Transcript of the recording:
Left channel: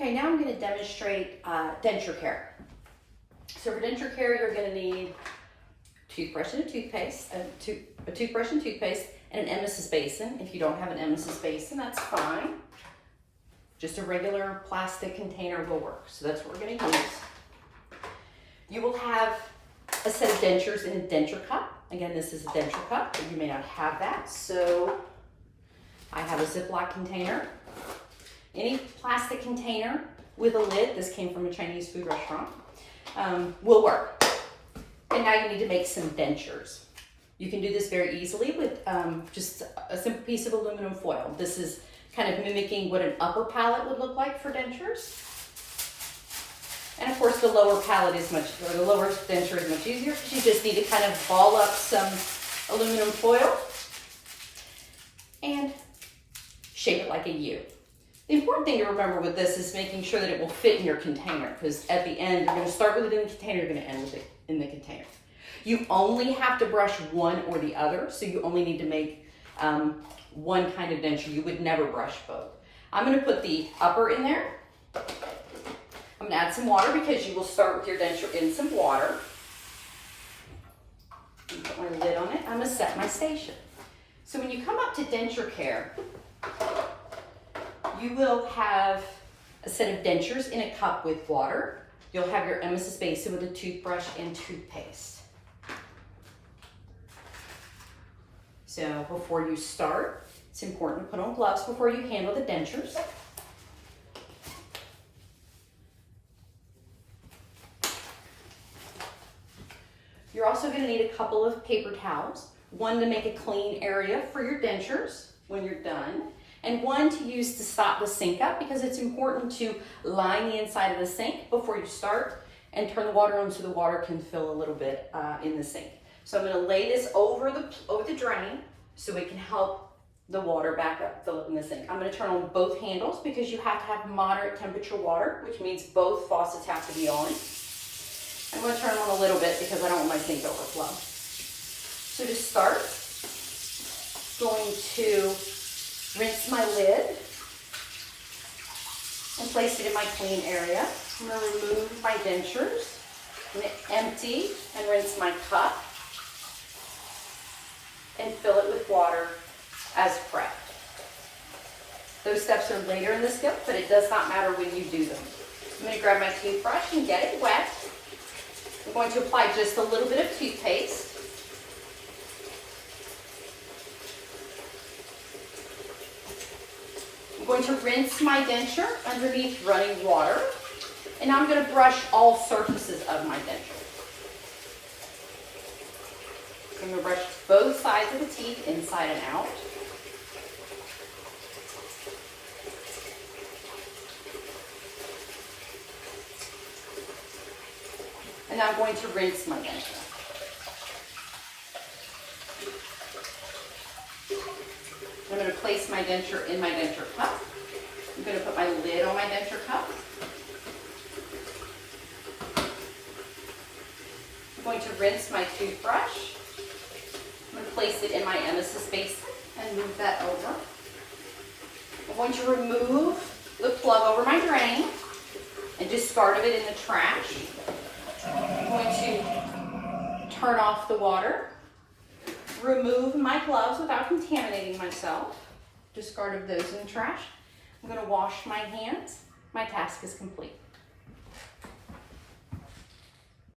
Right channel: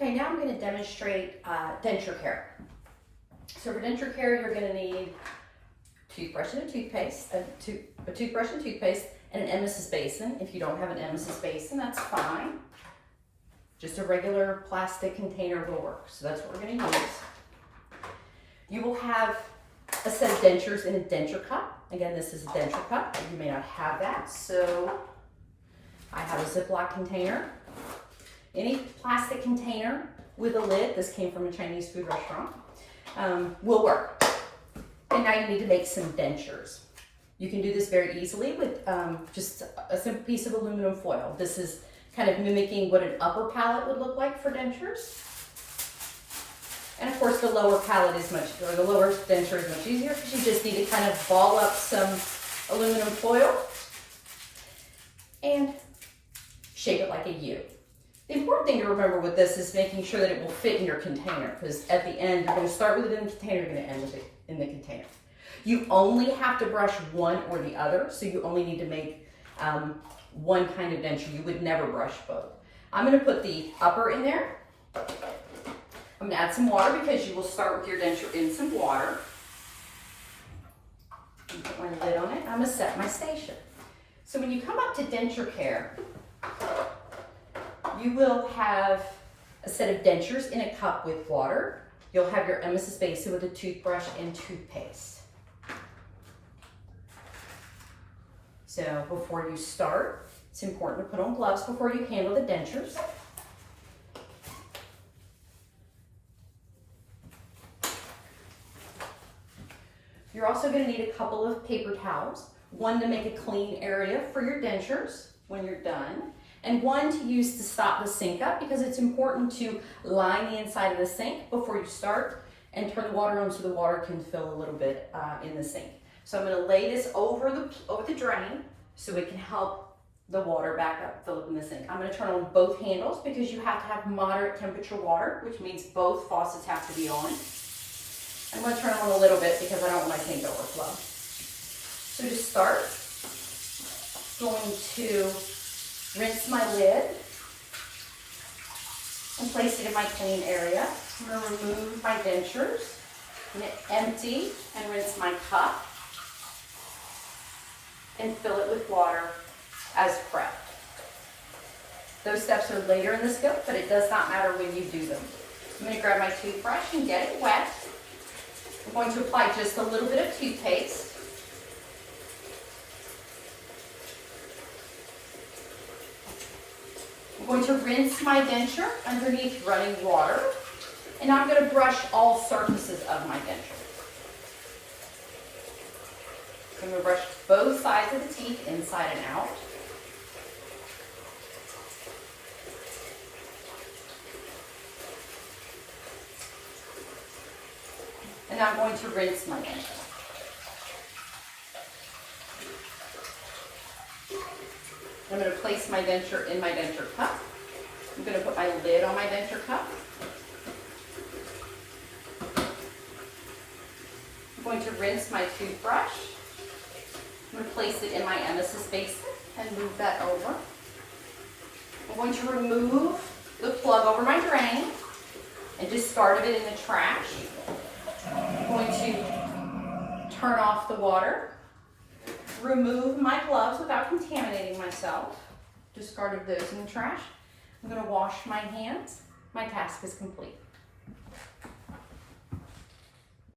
Okay, now I'm going to demonstrate denture care. So for denture care, you're going to need toothbrush and a toothpaste, a toothbrush and toothpaste, and an emesis basin. If you don't have an emesis basin, that's fine. Just a regular plastic container will work. So that's what we're going to use. You will have a set of dentures in a denture cup. Again, this is a denture cup, but you may not have that. So I have a Ziploc container. Any plastic container with a lid, this came from a Chinese food restaurant, will work. And now you need to make some dentures. You can do this very easily with just a simple piece of aluminum foil. This is kind of mimicking what an upper palate would look like for dentures. And of course the lower palate is the lower denture is much easier because you just need to kind of ball up some aluminum foil and shape it like a U. The important thing to remember with this is making sure that it will fit in your container, because at the end, you're going to start with it in the container, you're going to end with it in the container. You only have to brush one or the other, so you only need to make one kind of denture. You would never brush both. I'm going to put the upper in there. I'm going to add some water because you will start with your denture in some water. Put my lid on it. I'm going to set my station. So when you come up to denture care, you will have a set of dentures in a cup with water. You'll have your emesis basin with a toothbrush and toothpaste. So before you start, it's important to put on gloves before you handle the dentures. You're also going to need a couple of paper towels, one to make a clean area for your dentures when you're done, and one to use to stop the sink up, because it's important to line the inside of the sink before you start and turn the water on so the water can fill a little bit in the sink. So I'm going to lay this over the drain so it can help the water back up, fill up in the sink. I'm going to turn on both handles because you have to have moderate temperature water, which means both faucets have to be on. I'm going to turn them on a little bit because I don't want my sink to overflow. So to start, I'm going to rinse my lid and place it in my clean area. I'm going to remove my dentures, I'm going to empty and rinse my cup and fill it with water as prepped. Those steps are later in the skip, but it does not matter when you do them. I'm going to grab my toothbrush and get it wet. I'm going to apply just a little bit of toothpaste. I'm going to rinse my denture underneath running water, and I'm going to brush all surfaces of my denture. I'm going to brush both sides of the teeth, inside and out. And now I'm going to rinse my denture. I'm going to place my denture in my denture cup. I'm going to put my lid on my denture cup. I'm going to rinse my toothbrush. I'm going to place it in my emesis basin and move that over. I'm going to remove the plug over my drain and discard of it in the trash. I'm going to turn off the water. Remove my gloves without contaminating myself. Discard of those in the trash. I'm going to wash my hands. My task is complete.